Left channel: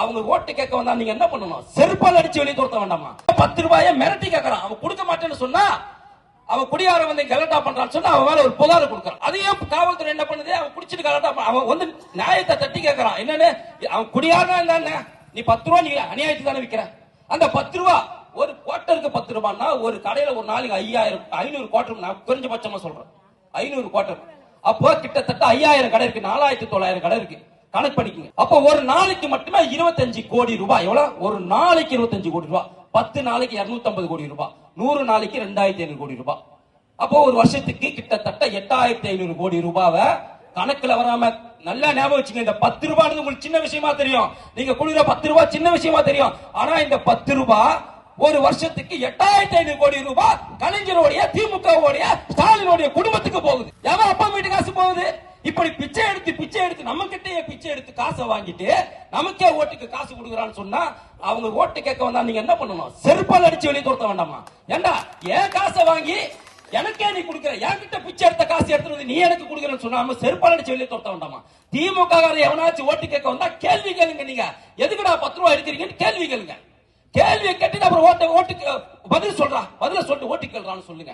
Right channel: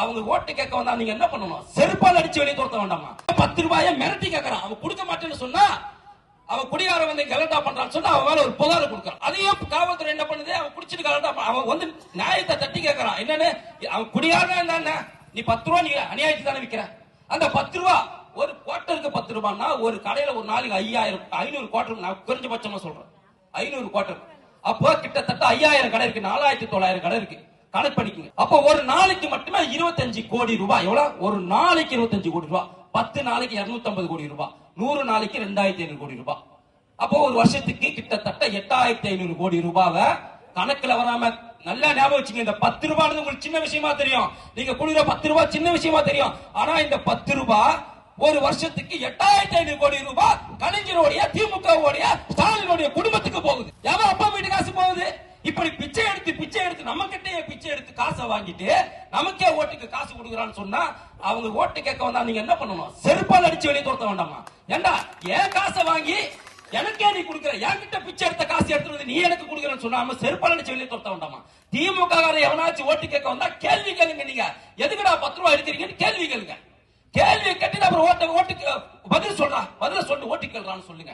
அவங்க ஓட்டு கேட்க வந்தா நீங்க என்ன பண்ணணும்? செருப்பால் அடிச்சு வெளியே துரத்த வேண்டாமா? 10 ரூபாயை மிரட்டி கேட்கறான். அவன் கொடுக்க மாட்டேன்னு சொன்னா, அவன் குடியார வந்து கலட்டா பண்றான்னு சொன்னா அவன் மேல ஒரு புகார் கொடுக்கறான். அதையும் காவல்துறை என்ன பண்ணுது? அவன் குடிச்சிட்டு கலட்டா, அவன் வந்து நியாயத்தை தட்டி கேட்கறான். என்னன்னு, அவன் குடியாரா இருந்தா நீ 10 ரூபாய் நீ அநியாயத்துக்கு தானே விற்கிற. அந்த 10 ரூபாய் ஒரு குவார்டருக்கு 10 ரூபாய்னா ஒரு கடையில ஒரு நாளைக்கு 500 குவார்டர், நான் குறைஞ்சபட்சமா சொல்றேன் 500 குவார்டர். அப்போ கிட்டத்தட்ட 5000 கடை இருக்கு, 4900 கடை இருக்கு. கணக்கு பண்ணிக்கங்க. அப்போ ஒரு நாளைக்கு மட்டுமே 25 கோடி ரூபாய். எவ்வளவு? ஒரு நாளைக்கு 25 கோடி ரூபாய். 10 நாளைக்கு 250 கோடி ரூபாய், 100 நாளைக்கு 2500 கோடி ரூபாய். அப்போ ஒரு வருஷத்துக்கு கிட்டத்தட்ட 8500 கோடி ரூபாவை கணக்குல வராம நல்லா ஞாபகம் வச்சுங்க. இந்த 10 ரூபாய் உங்களுக்கு சின்ன விஷயமா தெரியும், நீங்க குடிக்கிற 10 ரூபாய் சின்ன விஷயமா தெரியும். ஆனா இந்த 10 ரூபாய் ஒரு வருஷத்துக்கு 8500 கோடி ரூபாய் கலைஞருடைய, திமுகவுடைய, ஸ்டாலினுடைய குடும்பத்துக்கு போகுது. எவன் அப்பா வீட்டு காசு போகுது? இப்படி பிச்சை எடுத்து நம்ம கிட்டே பிச்சை எடுத்து காசை வாங்கிட்டு நமக்கே ஓட்டுக்கு காசு கொடுக்குறான்னு சொன்னா, அவங்க ஓட்டு கேட்க வந்தா நீங்க என்ன பண்ணணும்? செருப்பால் அடிச்சு வெளியே துரத்த வேண்டாமா? ஏண்டா என் காசை வாங்கி எனக்கே நீ கொடுக்குற, என்கிட்ட பிச்சை எடுத்த காசு எடுத்துறது நீ எனக்கு கொடுக்குறன்னு சொன்னாம செருப்பால் அடிச்சு வெளியே துரத்த வேண்டாமா? திமுக எவனாச்சும் ஓட்டு கேட்க வந்தா கேள்வி கேளுங்க. நீங்க எதுக்குடா 10 ரூபாய் எடுக்கிறீங்கன்னு கேள்வி கேளுங்க. கேள்வியை கேட்டு அப்புறம் ஓட்டுக்கு பதில் சொல்லிட்டு ஓட்டு கேள்றான்னு சொல்லுங்க.